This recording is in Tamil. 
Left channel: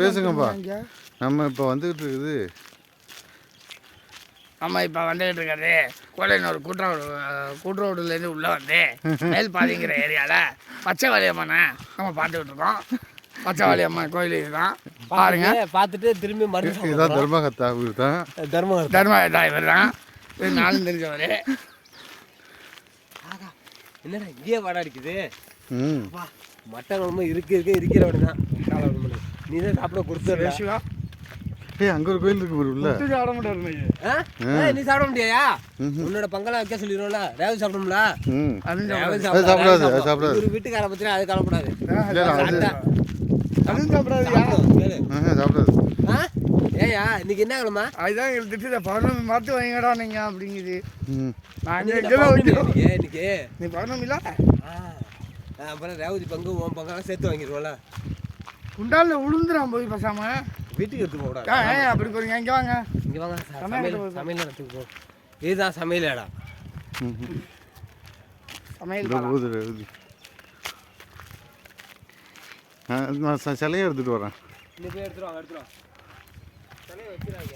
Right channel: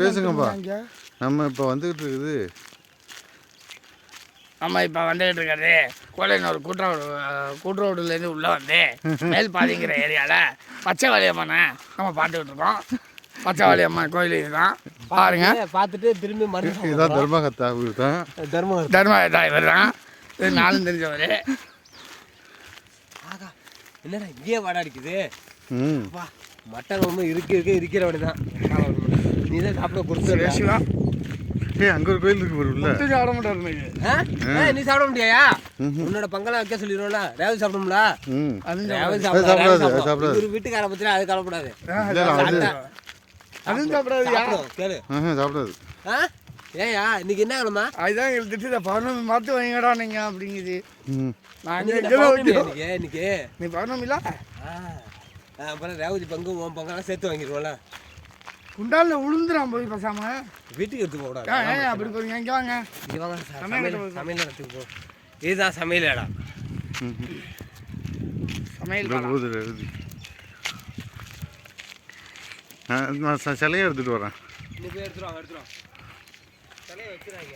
பேசுங்கப்பா. நம்ம இப்போ வந்துக்கிட்டு இருக்குது. நம்ம இப்போ வந்துகிட்டு இருக்கிறது கோடையனூர் கூட்டுரோடுலேருந்து உள்ளே வந்து மேல் பாதிங்கிற ஏரியாவில் பச்சை வலியம்மனை நம்ம பார்த்துக்கிட்டு இருக்கோம். பச்சை வலியம்மன் கோயில் தான் பாருங்க. பார்த்துட்டு திரும்பி மறுபடியும் இதான் தர்மகத்தா இவர் தான். தர்மகத்தா இவர் தான். இது நானும் தெரிஞ்சவர். என்னடா இங்கேயே வாடா அடிக்குது. மட்டன் ரொம்ப இருக்கிற அப்படி தான். நீ தான் சாப்பிட கொடுத்து அங்கே ஒரு கோயில் இருக்கு உள்ள. சாப்பிட முடியாது. நீ சாப்பிட முடியா? உன்னோட பங்கெல்லாம் வைக்க சொல்லிடுவோம்ல. ரேவதி சாப்பிடும்ல. சாப்பிடாது. ஒரு வீட்டுக்கார பத்தினா அது கலப்படாது. அதுவும் சாப்பிடாது. சாப்பிடாது. ஏயா இன்னைக்கு என்ன கிழமை? அதுதான் எங்களுக்கு திட்டு 11 மாதம் வாங்கிடா நீங்கள் அப்படிங்குது. நான் இன்னைக்கு நீ 11 அப்புறம் ரேவதி பங்கு உன் பங்கெல்லாம் சேர்த்து வாங்கிடுவோம்ல. குண்டாலில் உளுந்துறான் போய் பேசாம வீட்டுக்கு எடுத்து போடாது. அப்படி போறீங்க. இங்கே வாங்க, இங்கே வாங்க. சமையல் இடத்துக்கு போ. இதுதான் சமையல் இடம். சமையல் நான் சிலையை எடுத்துகிட்டு வரேன். போய் எடுத்துருவாங்க. சிலையை வச்சுருவாங்க.